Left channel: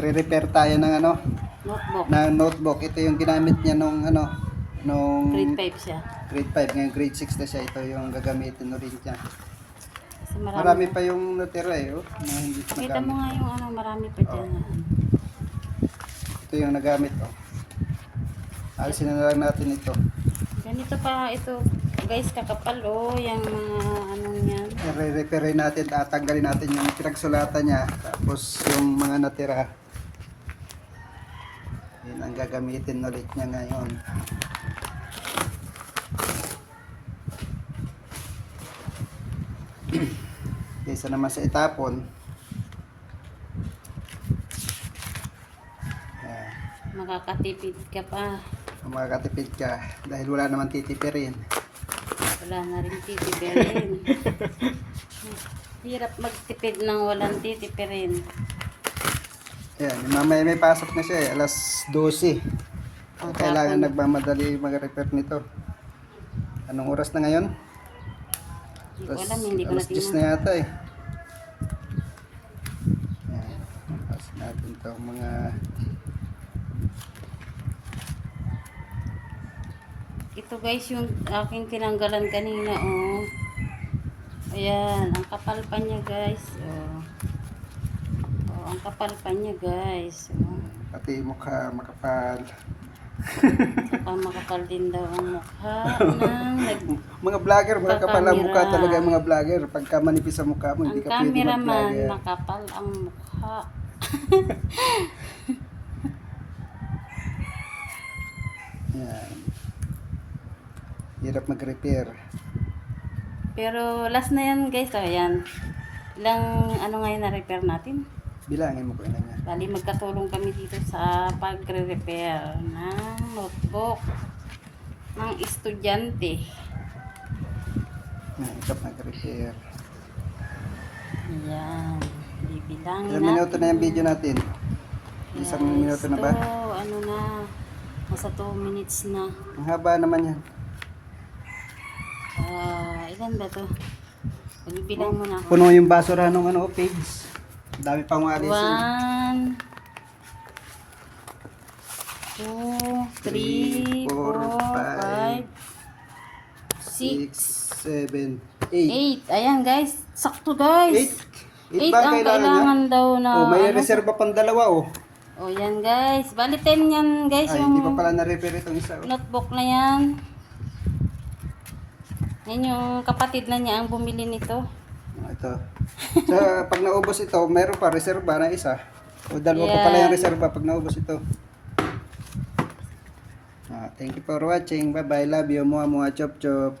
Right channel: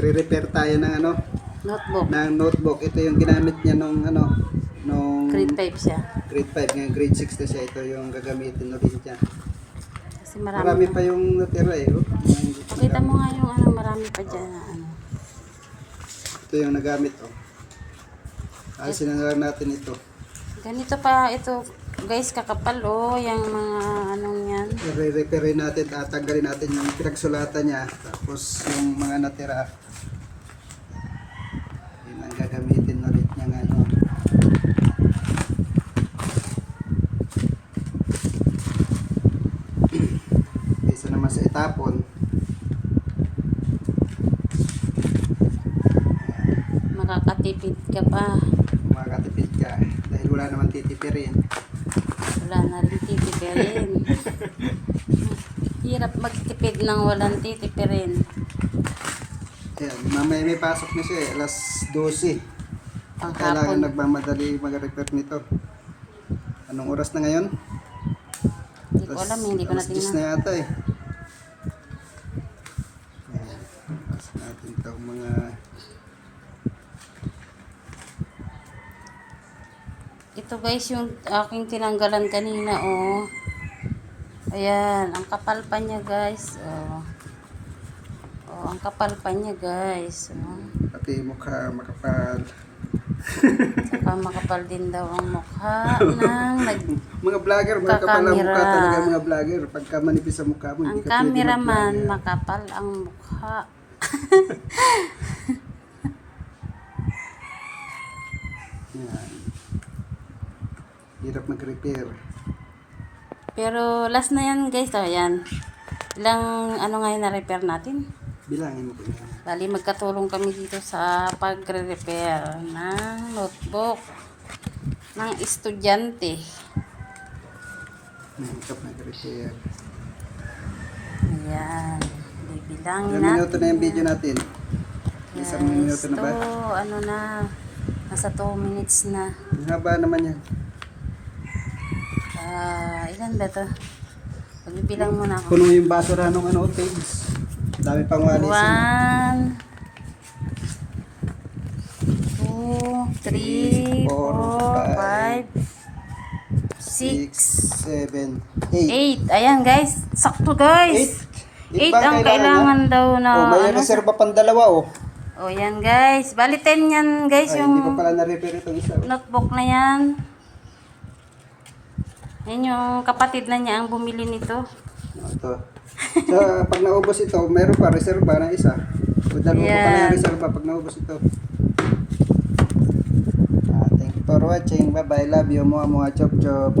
Magre-repair tayo ng ano, Notebook. ng notebook. Ito yung ginamit niya nung ano, nung Grade 5 siya. grade 5, ngayon grade 6 na siya. Ito yung gagamitin ulit niya. Kasi Marami pa. pa yung natira eh. Oh. Hindi pa Pakita mo nagamit. nga yung ano, marami pa dyan na ano. Ito yung nagamit. Oh. Alisin na lang natin ito. Ganito pa ito, guys, kakapal oh, yung mga anong yan. I-repair natin, tatanggalin natin yung pinagsulatan niya. Tapos yung mga natira, yun ang gagamitin ulit niya ngayon. Kaysa naman sa itapon. Makakatipid ka pa. Makakatipid ka dahil wala naman titipirin. Wala na rin titipirin. Hirap magtipid ng walang titipirin. Ayan, mamaya may pasok na siya eh, alas 12. Ang Kailangan hapon. nagmamadali mag-repair nito. Anong oras na ngayon? Hindi ko alam, hindi ko alas 10 na natingnan. yata eh. Ayan, pasok natin ito mga... Ito guys, yung aking tinanggalan kanina, oh. Ayan, ang kapal pa niya guys, oh. Oh, ang kapal pa niya guys, oh. Pati mukha makapal. Saka makapal din daw ang mukha ng Mga vlogger, mga kapal ang mukha Kakamera. talaga mga vlogger. Pagka manipis ang mukha mo, ang hindi ka pwede cameraman, mag-vlogger. makapal ang mukha. Yan. Hirap mag-repair. Pero last na yan guys, oh, yan. Ilang ano ngayon na repair natin? Bilangin mo kailangan. Bali magkatulong kami dito sa pagre-repair ng notebook ng estudyante. Hirap mag-repair. Ayan. Bibilangin Ilang minuto na yung video natin? Isang minuto na ba? Ano na, nasa 2 minutes na. Ang haba naman yan. Ilan ba to? Magbibilang muna ako. Puno yung basura ng ano, page. Dami pang walis. 1, 2, 3, 4, 5, 6, 7, 8. 8. Ayan guys, sakto guys. 8 ang kailangan daw na Oh, may ano. reserva pang dalawa oh. Oh, yan guys. Bali 10 yan guys, Ay, hindi yung pa pala na-repair itong isa. notebook na yan. Yan yung kapatid na niya ang bumili nito. Ito. So, pag naubos ito, meron pa reserva na isa. O dalawa pa pala yung reserva pag naubos ito. Thank you for watching. Bye bye. Love you. Mua mua chop chop.